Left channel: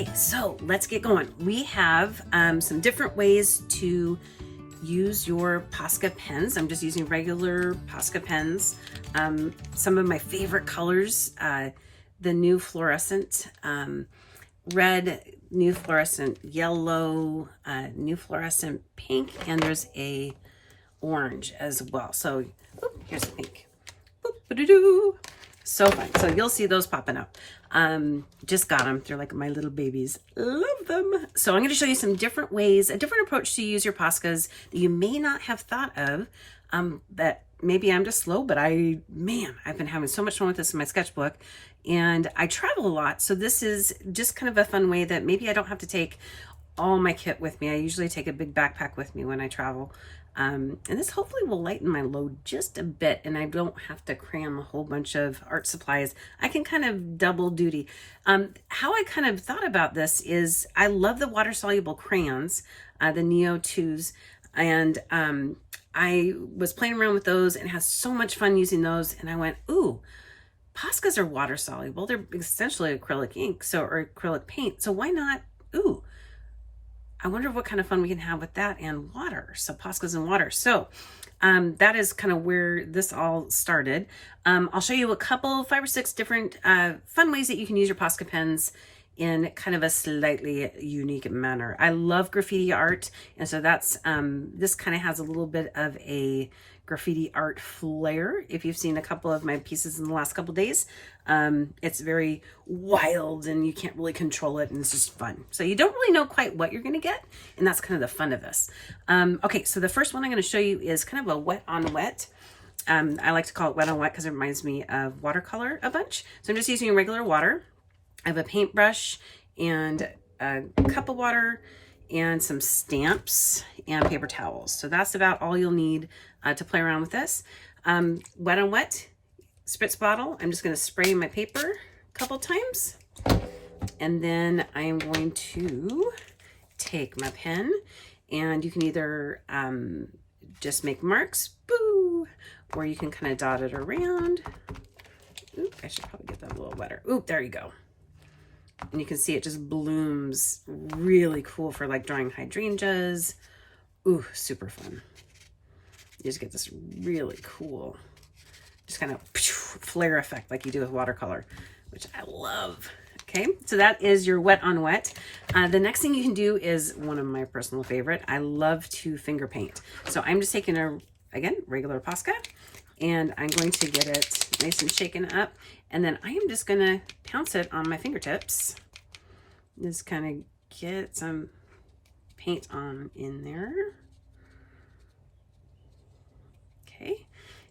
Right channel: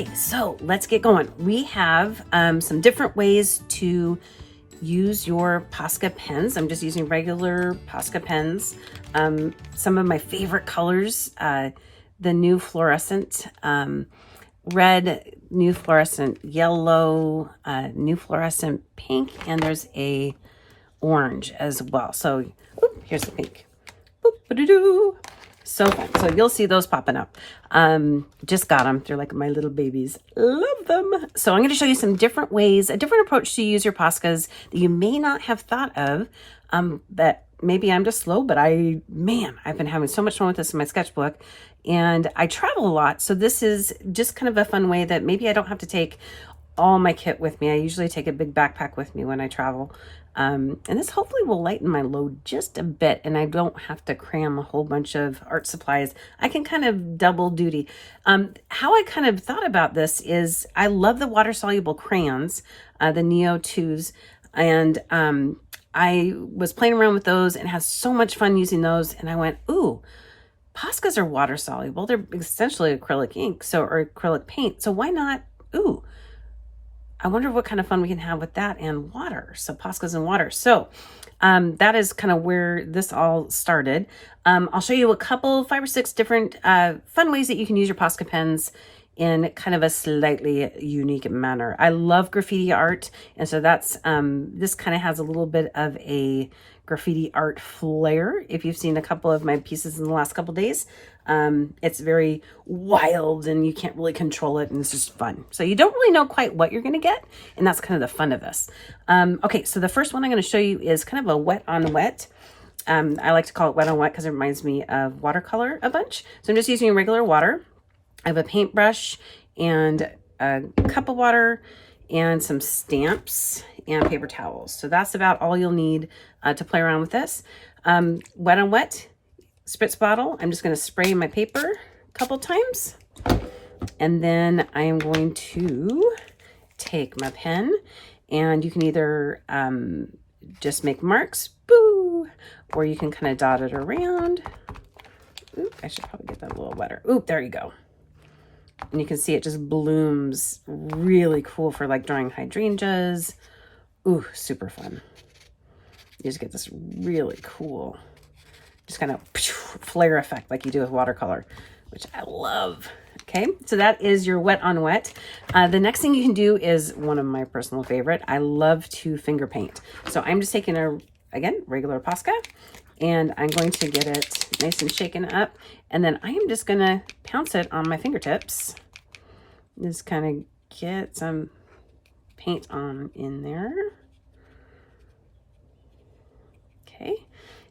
Okay, so let's get going. We have some different ways to use your Posca pens. I'm just using regular Posca pens. Some of my favorite colors, the new fluorescent red, new fluorescent yellow, new fluorescent pink, and there's a orange as well. So here's the pink. So fun. So you'll see those popping up. Just got them. They're like my little babies. Love them. So I'm going to show you some different ways, a different approach to use your Poscas that you may not have thought of. That maybe I'm just slow, but I've been having so much fun with this in my sketchbook, and I travel a lot. So this is just kind of a fun way that maybe I don't have to take all my kit with me. I usually take a big backpack with me when I travel. And this hopefully will lighten my load just a bit, and I don't have to cram a whole bunch of art supplies. I can kind of double duty. How I kind of thought about this is I love the water-soluble crayons, the Neo 2s, and I was playing around with those and had so much fun using those, and I went, ooh, Poscas are water-soluble. They're essentially acrylic ink, or acrylic paint, so why not, ooh, I wonder what kind of fun we can have with that and water. So Poscas and water. So that is kind of where this all started. I'll show you a couple, 5 or 6 different fun ways that you can use your Posca pens in kind of a slightly unique manner. I love graffiti art. And so that's, this kind of has a little bit of a graffiti art flair. If you've seen a couple of my pieces in the last couple days, it's very wild and you can't really control it, and it's just fun. So you don't really know quite what you're going to get, and that's kind of the fun of this. Okay, so the first one I'm going to show you is kind of a wet on wet. I like to call it wet on wet because it reminds me of watercolor a bunch. So I'm just using regular water. I have a paintbrush and a cup of water and some stamps and paper towels. So that's about all you'll need to play around with this. Wet on wet spritz bottle. I'm just going to spray my paper a couple times, and then I'm going to take my pen, and you can either just make marks, boo, or you can kind of dot it around. Oop, I should probably get that a little wetter. Oop, there you go. And you can see it just blooms really cool for like drawing hydrangeas. Ooh, super fun. You just get this really cool, just kind of flare effect like you do with watercolor, which I love. Okay, so that is your wet on wet. The next thing you can do is one of my personal favorite. I love to finger paint. So I'm just taking again, regular Posca, and I'm going to get it nice and shaken up. And then I am just gonna pounce it on my fingertips. Just kind of get some paint on in there. Okay,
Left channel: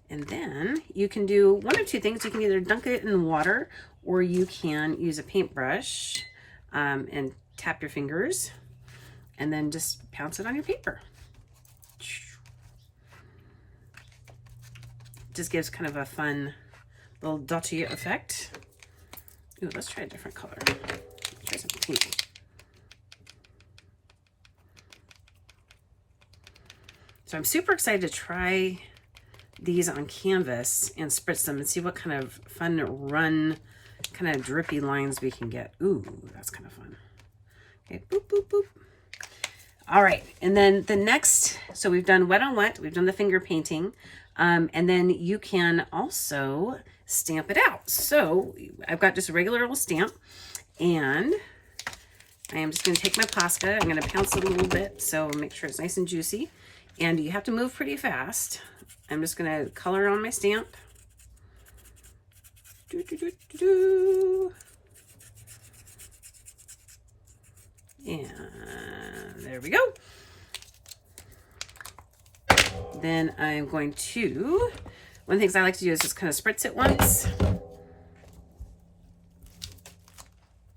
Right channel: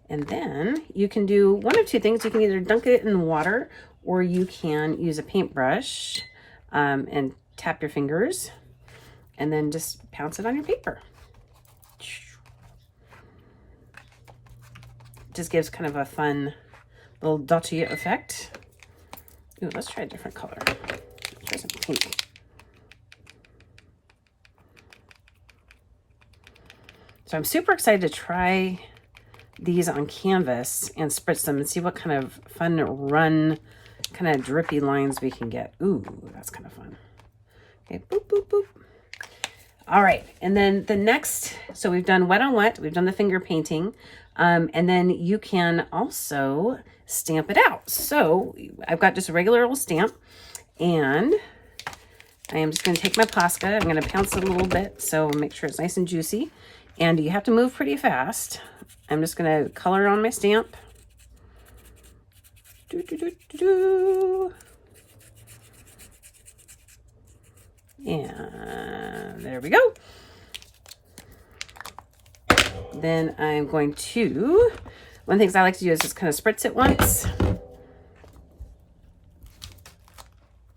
and then you can do one of two things. You can either dunk it in water, or you can use a paintbrush and tap your fingers and then just pounce it on your paper. Just gives kind of a fun little dotty effect. Ooh, let's try a different color. Try some pink. So I'm super excited to try these on canvas and spritz them and see what kind of fun run, kind of drippy lines we can get. Ooh, that's kind of fun. Okay, boop, boop, boop. All right, and then the next, so we've done wet on wet, we've done the finger painting, and then you can also stamp it out. So I've got just a regular old stamp, and I am just going to take my Posca. I'm going to pounce it a little bit so make sure it's nice and juicy, and you have to move pretty fast. I'm just going to color on my stamp. Do, do, do, do, do. And there we go. Then I'm going to, one of the things I like to do is just kind of spritz it once.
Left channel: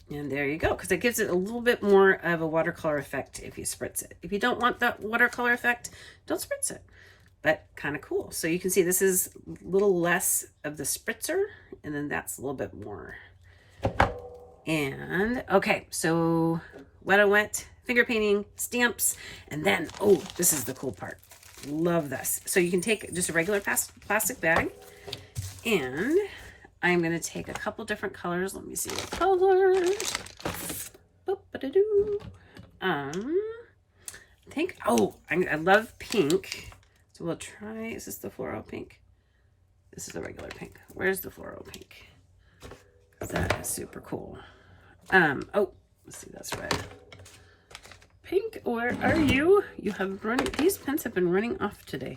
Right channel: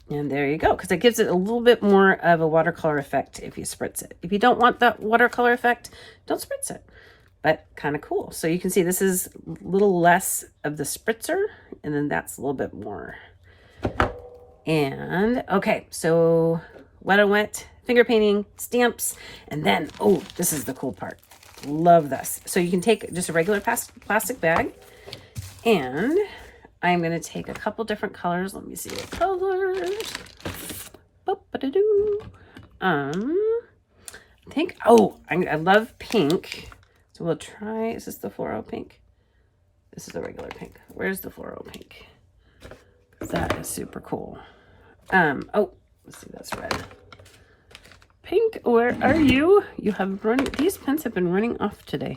And there you go, because it gives it a little bit more of a watercolor effect if you spritz it. If you don't want that watercolor effect, don't spritz it. But kind of cool. So you can see this is a little less of the spritzer, and then that's a little bit more. And okay, so wet on wet, finger painting, stamps, and then, oh, this is the cool part. Love this. So you can take just a regular plastic bag, and I'm going to take a couple different colors. Let me see what colors. Boop. Ba-da-doo. I think, oh, I love pink. So we'll try, is this the fluoro pink? This is the regular pink. Where's the fluoro pink? That is super cool. Oh, let's see, that's red. Pink, where are you? You have running, these pens have been running off today.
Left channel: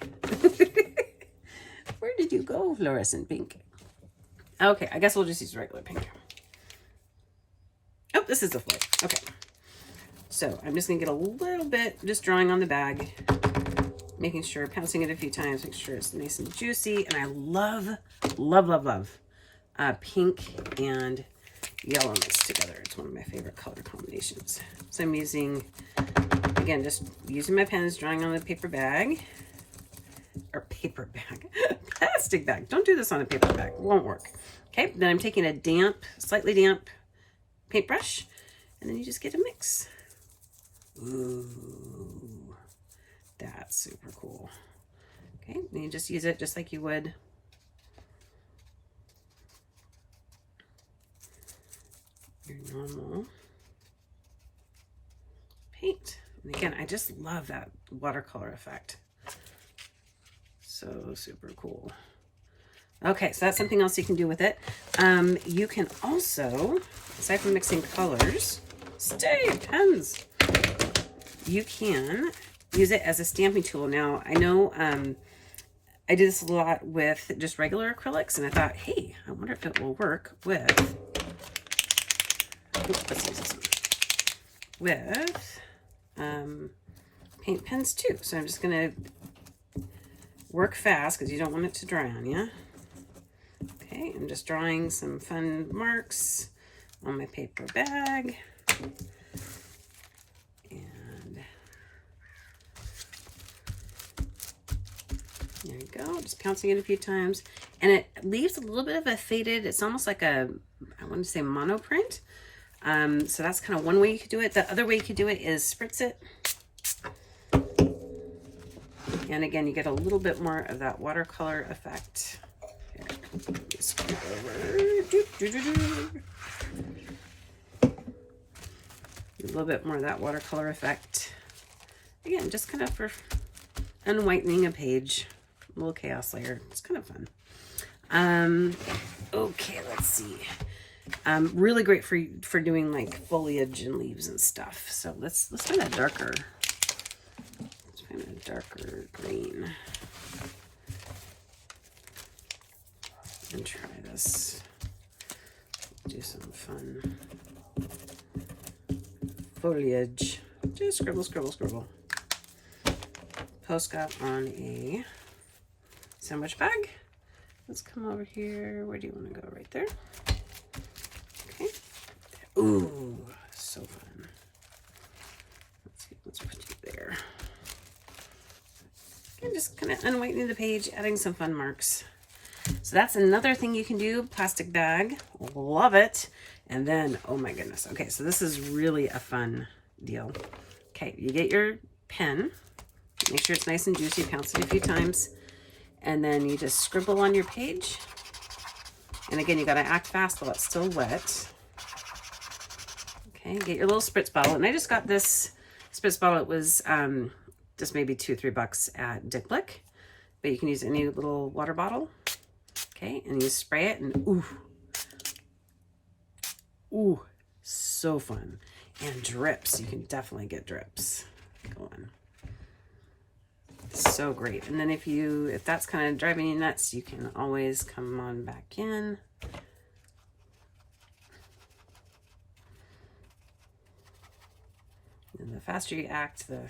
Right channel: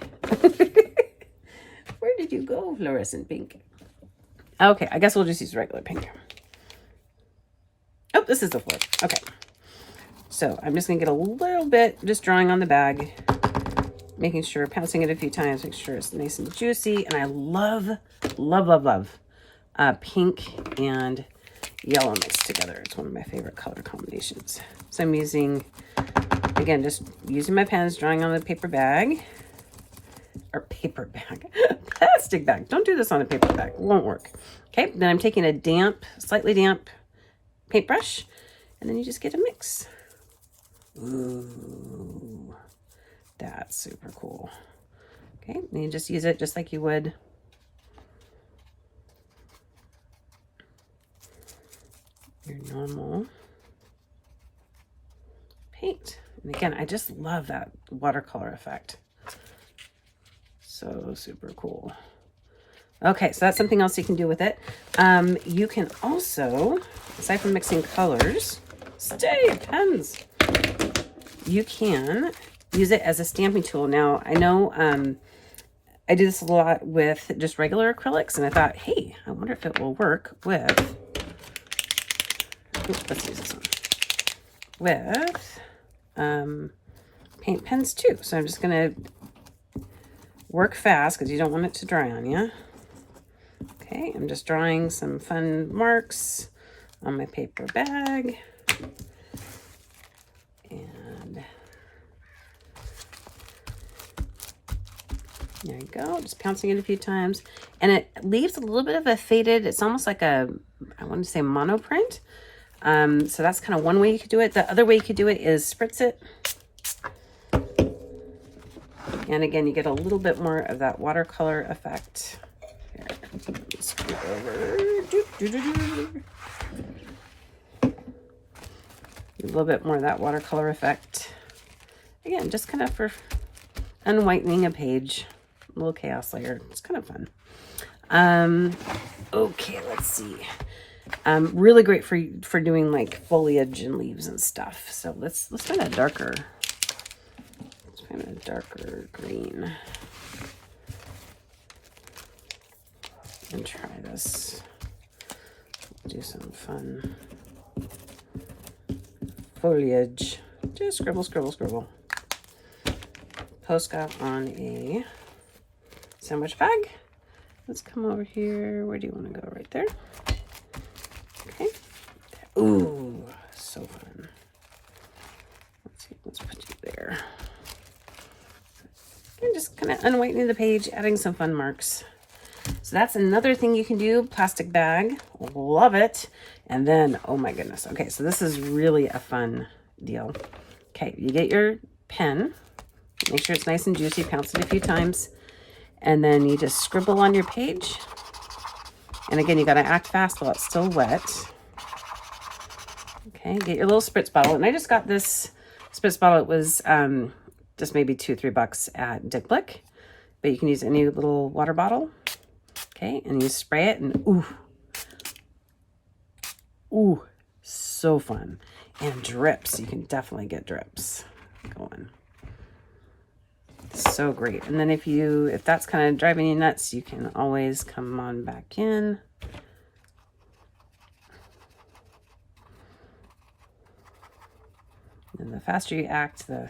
Where did you go, fluorescent pink? Okay, I guess we'll just use regular pink. Oh, this is the floor. Okay. So I'm just gonna get a little bit, just drawing on the bag, making sure, pouncing it a few times, make sure it's nice and juicy. And I love, love, love, love pink and yellow mixed together. It's one of my favorite color combinations. So I'm using, again, just using my pens, drawing on the paper bag, or paper bag, plastic bag. Don't do this on a paper bag, it won't work. Okay, then I'm taking a damp, slightly damp paintbrush, and then you just get a mix. Ooh, that's super cool. Okay, and you just use it just like you would your normal paint. And again, I just love that watercolor effect. So super cool. Okay, so that's something else you can do with it. You can also, aside from mixing colors, stay pens. You can use it as a stamping tool. Now, I know I do this a lot with just regular acrylics, and I thought, hey, I wonder if it will work with, oops, let's use this one, with paint pens too. So I'm just gonna work fast because you don't want it to dry on you. Okay, I'm just drawing some fun marks on my paper bag. And there you go, just pouncing it a few times. And it leaves a little bit of a faded, it's almost like a, I want to say monoprint. So that's kind of one way you could do it. The other way you could do it is spritz it. And again, you get a little bit more of that watercolor effect. Here, scoot over. A little bit more of that watercolor effect. Again, just kind of for unwhitening a page. A little chaos layer. It's kind of fun. Okay, let's see. Really great for doing like foliage and leaves and stuff. So let's find a darker. Let's find a darker green. And try this. Do some fun foliage. Just scribble, scribble, scribble. Posca on a sandwich bag. Let's come over here. Where do you want to go? Right there. Okay. Ooh, so fun. Let's see. Let's put you there. And just kind of unwhitening the page, adding some fun marks. So that's another thing you can do. Plastic bag. Love it. And then, oh my goodness. Okay, so this is really a fun deal. Okay, you get your pen. Make sure it's nice and juicy. Pounce it a few times. And then you just scribble on your page. And again, you got to act fast while it's still wet. Okay, get your little spritz bottle. And I just got this spritz bottle. It was just maybe $2-3 at Dick Blick. But you can use any little water bottle. Okay, and you spray it and ooh. Ooh, so fun. And drips. You can definitely get drips going. So great. And then if that's kind of driving you nuts, you can always come on back in. And the faster you act, the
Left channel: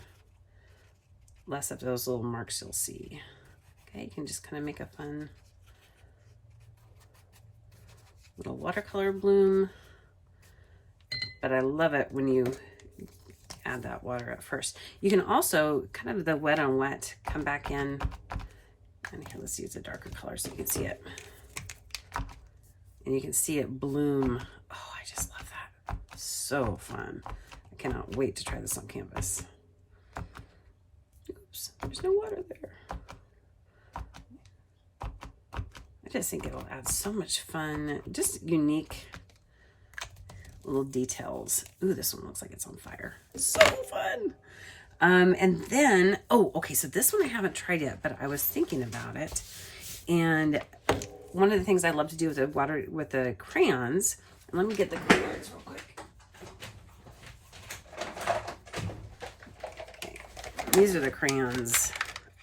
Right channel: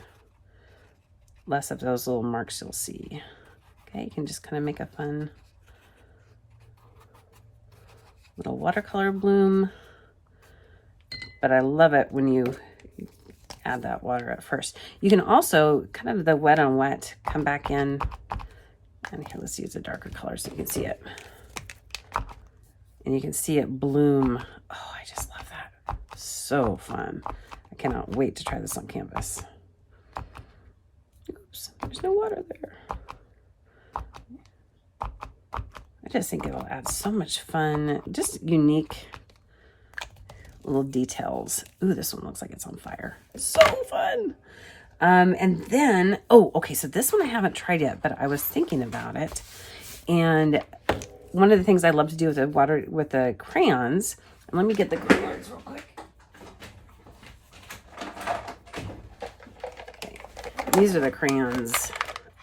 less of those little marks you'll see. Okay, you can just kind of make a fun little watercolor bloom. But I love it when you add that water at first. You can also, kind of the wet on wet, come back in. And here, let's use a darker color so you can see it. And you can see it bloom. Oh, I just love that. So fun. I cannot wait to try this on canvas. Oops, there's no water there. I just think it'll add so much fun, just unique little details. Ooh, this one looks like it's on fire. It's so fun. And then, oh, okay, so this one I haven't tried yet, but I was thinking about it. And one of the things I love to do with the crayons, and let me get the crayons real quick. Okay, these are the crayons.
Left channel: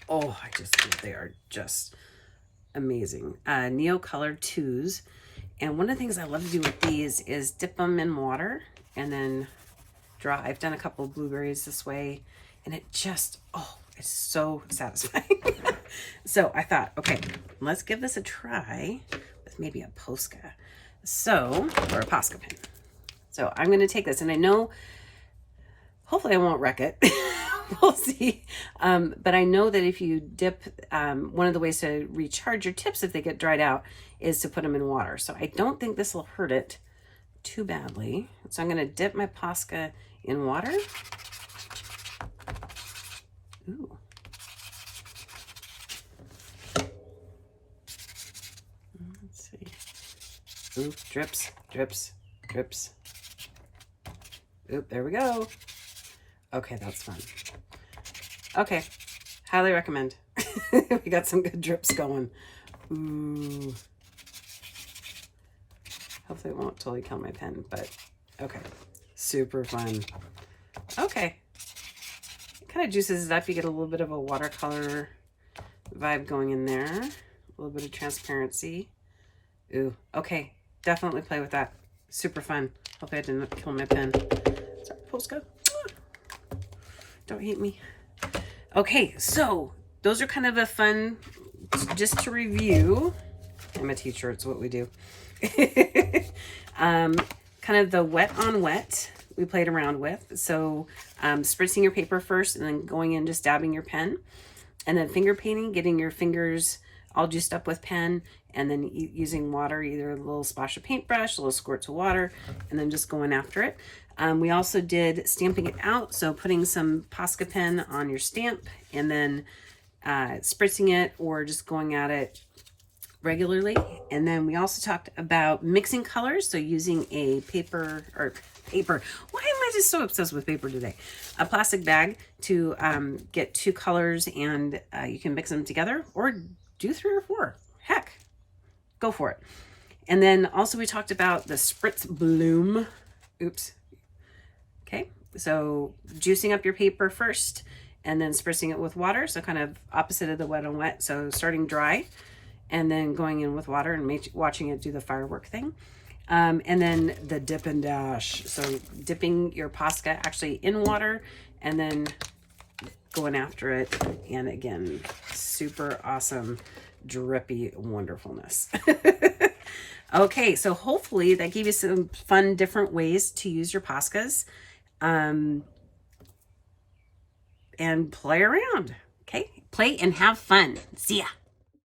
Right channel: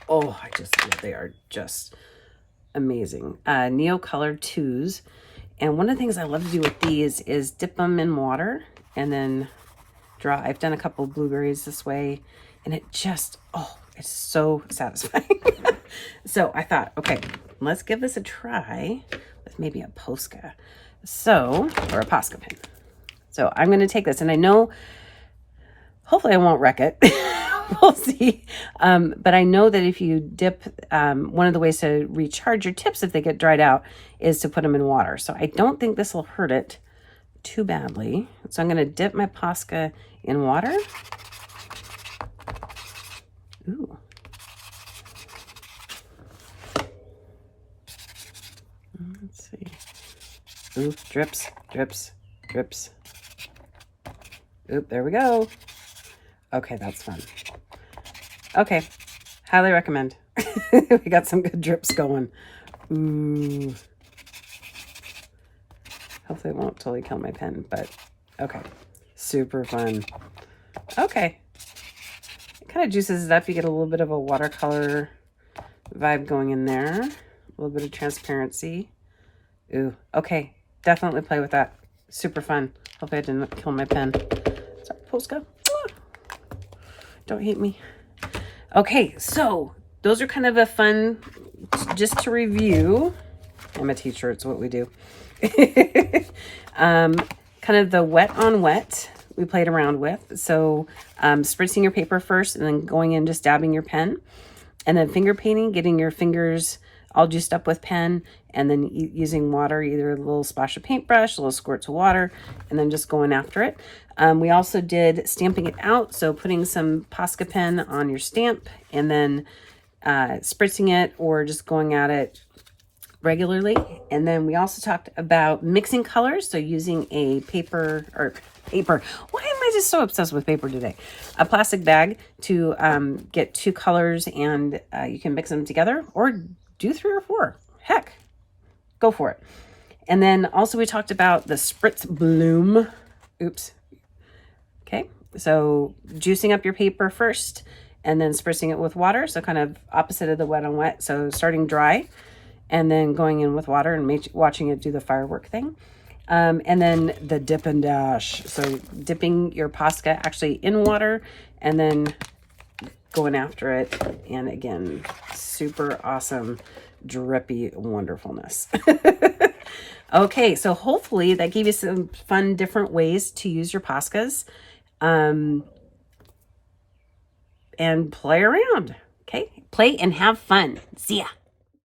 Oh, I just love, they are just amazing. Neo Color 2s. And one of the things I love to do with these is dip them in water and then draw. I've done a couple of blueberries this way, and it just, oh, it's so satisfying. So I thought, okay, let's give this a try with maybe a Posca. So, or a Posca pen. So I'm going to take this, and I know, hopefully I won't wreck it. We'll see. But I know that if you dip, one of the ways to recharge your tips if they get dried out is to put them in water. So I don't think this will hurt it too badly. So I'm going to dip my Posca in water. Ooh. Let's see. Ooh, drips, drips, drips. Oop, there we go. Okay, that's fun. Okay, highly recommend. We got some good drips going. Ooh. Hopefully it won't totally kill my pen, but okay. Super fun. Okay. It kind of juices it up. You get a little bit of a watercolor vibe going in there. A little bit of transparency. Ooh, okay. Definitely play with that. Super fun. Hopefully I didn't kill my pen. Sorry, Posca. Don't hate me. Okay, so those are kind of a fun, just to review. I'm a teacher, it's what we do. Kind of the wet on wet we played around with. So spritzing your paper first and then going in, just dabbing your pen. And then finger painting, getting your fingers all juiced up with pen, and then using water, either a little splash of paintbrush, a little squirts of water, and then just going after it. We also did stamping it out, so putting some Posca pen on your stamp and then spritzing it or just going at it regularly. And then we also talked about mixing colors, so using a paper. Why am I just so obsessed with paper today? A plastic bag to get 2 colors, and you can mix them together or do 3 or 4. Heck, go for it. And then also we talked about the spritz bloom. Oops. Okay, so juicing up your paper first and then spritzing it with water. So kind of opposite of the wet on wet. So starting dry and then going in with water and watching it do the firework thing. And then the dip and dash. So dipping your Posca actually in water and then going after it. And again, super awesome, drippy wonderfulness. Okay, so hopefully that gave you some fun, different ways to use your Poscas. And play around. Okay, play and have fun. See ya.